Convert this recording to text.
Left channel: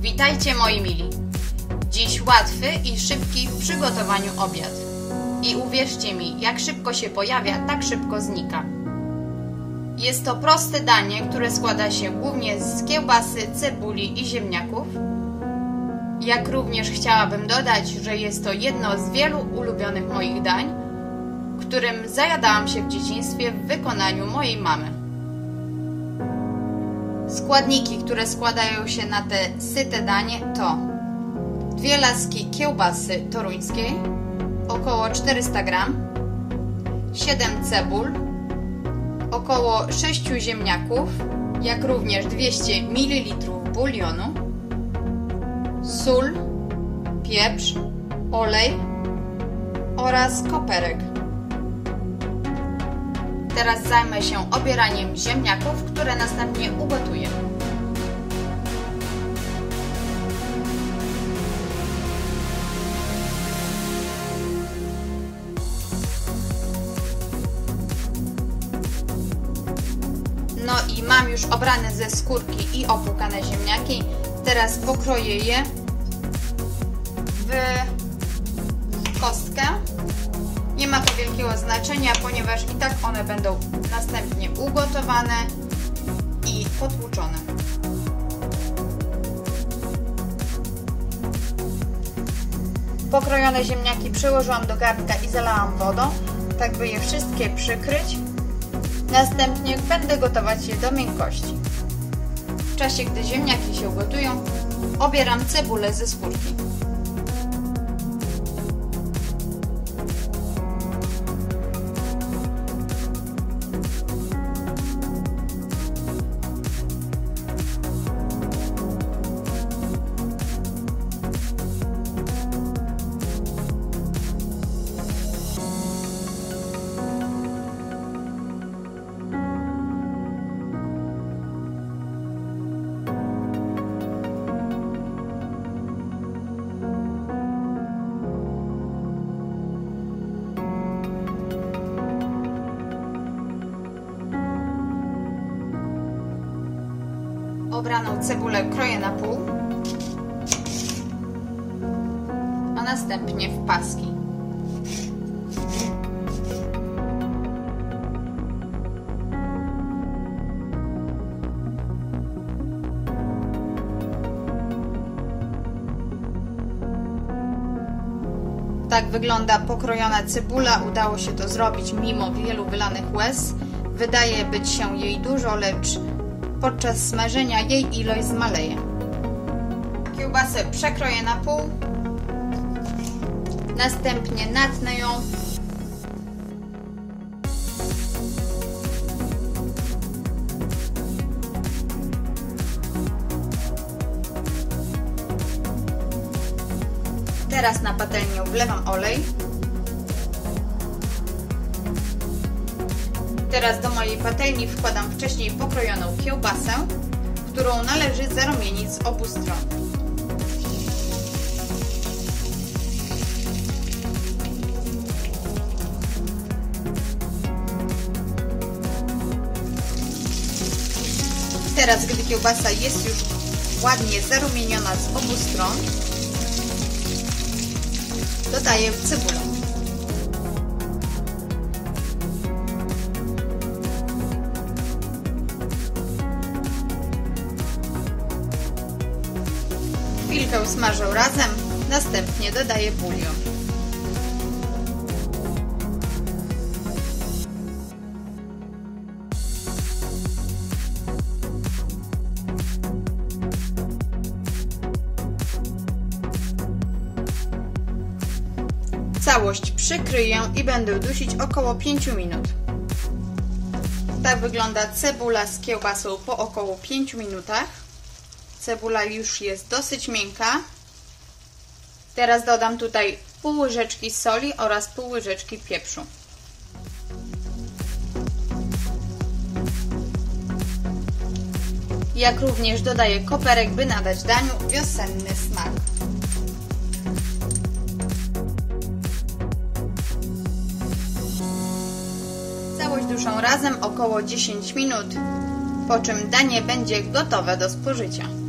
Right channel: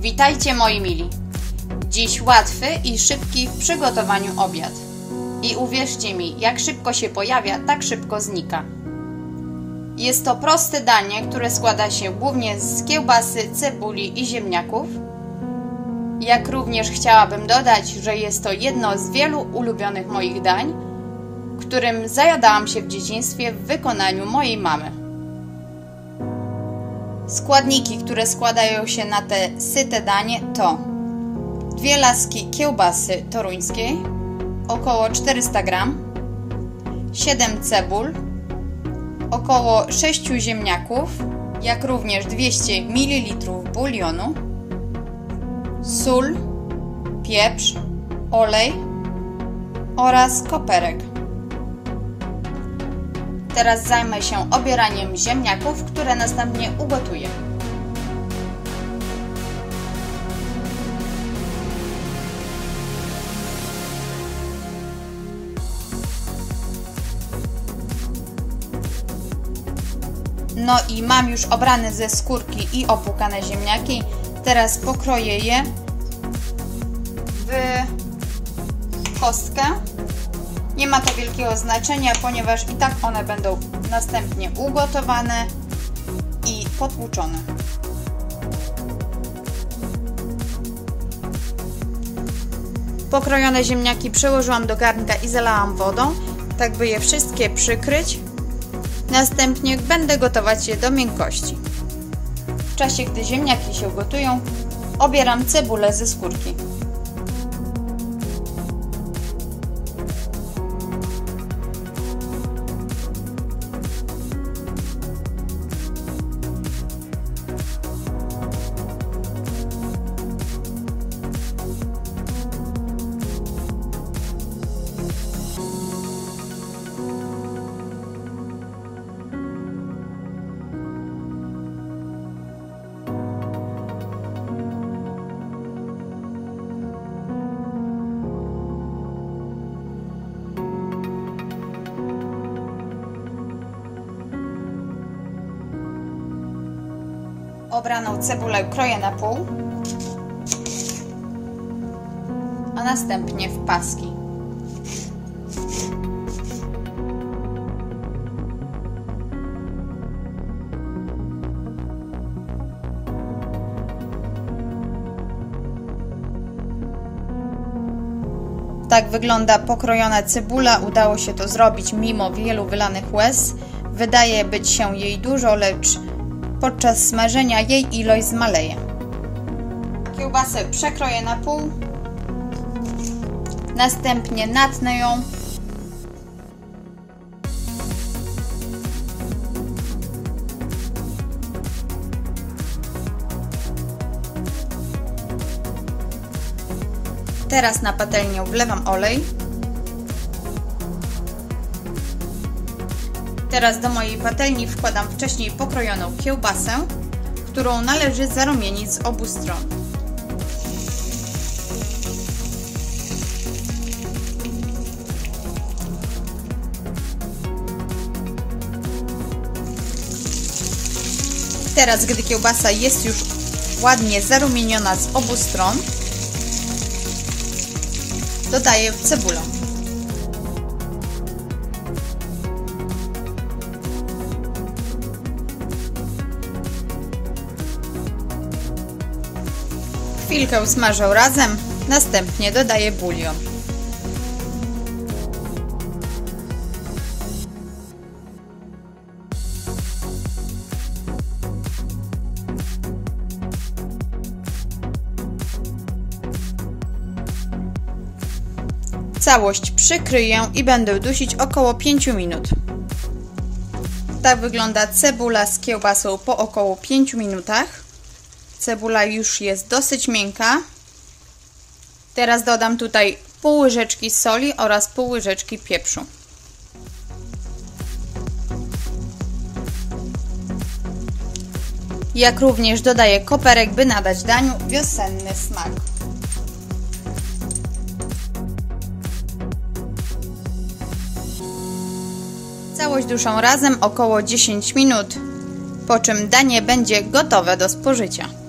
Witajcie moi mili. Dziś łatwy i szybki w przygotowaniu obiad. I uwierzcie mi, jak szybko się pojawia, tak szybko znika. Jest to proste danie, które składa się głównie z kiełbasy, cebuli i ziemniaków. Jak również chciałabym dodać, że jest to jedno z wielu ulubionych moich dań, którym zajadałam się w dzieciństwie w wykonaniu mojej mamy. Składniki, które składają się na te syte danie to 2 laski kiełbasy toruńskiej, około 400 g, 7 cebul, około 6 ziemniaków, jak również 200 ml bulionu, sól, pieprz, olej oraz koperek. Teraz zajmę się obieraniem ziemniaków, które następnie ugotuję. No i mam już obrane ze skórki i opłukane ziemniaki. Teraz pokroję je w kostkę. Nie ma to wielkiego znaczenia, ponieważ i tak one będą następnie ugotowane i potłuczone. Pokrojone ziemniaki przełożyłam do garnka i zalałam wodą, tak by je wszystkie przykryć. Następnie będę gotować je do miękkości. W czasie, gdy ziemniaki się gotują, obieram cebulę ze skórki. Obraną cebulę kroję na pół, a następnie w paski. Tak wygląda pokrojona cebula. Udało się to zrobić mimo wielu wylanych łez. Wydaje być się jej dużo, lecz podczas smażenia jej ilość zmaleje. Kiełbasę przekroję na pół, następnie natnę ją. Teraz na patelnię wlewam olej. Teraz do mojej patelni wkładam wcześniej pokrojoną kiełbasę, którą należy zarumienić z obu stron. Teraz, gdy kiełbasa jest już ładnie zarumieniona z obu stron, dodaję cebulę. Chwilkę smażę razem, następnie dodaję bulion. Całość przykryję i będę dusić około 5 minut. Tak wygląda cebula z kiełbasą po około 5 minutach. Cebula już jest dosyć miękka. Teraz dodam tutaj pół łyżeczki soli oraz pół łyżeczki pieprzu. Jak również dodaję koperek, by nadać daniu wiosenny smak. Całość duszą razem około 10 minut, po czym danie będzie gotowe do spożycia.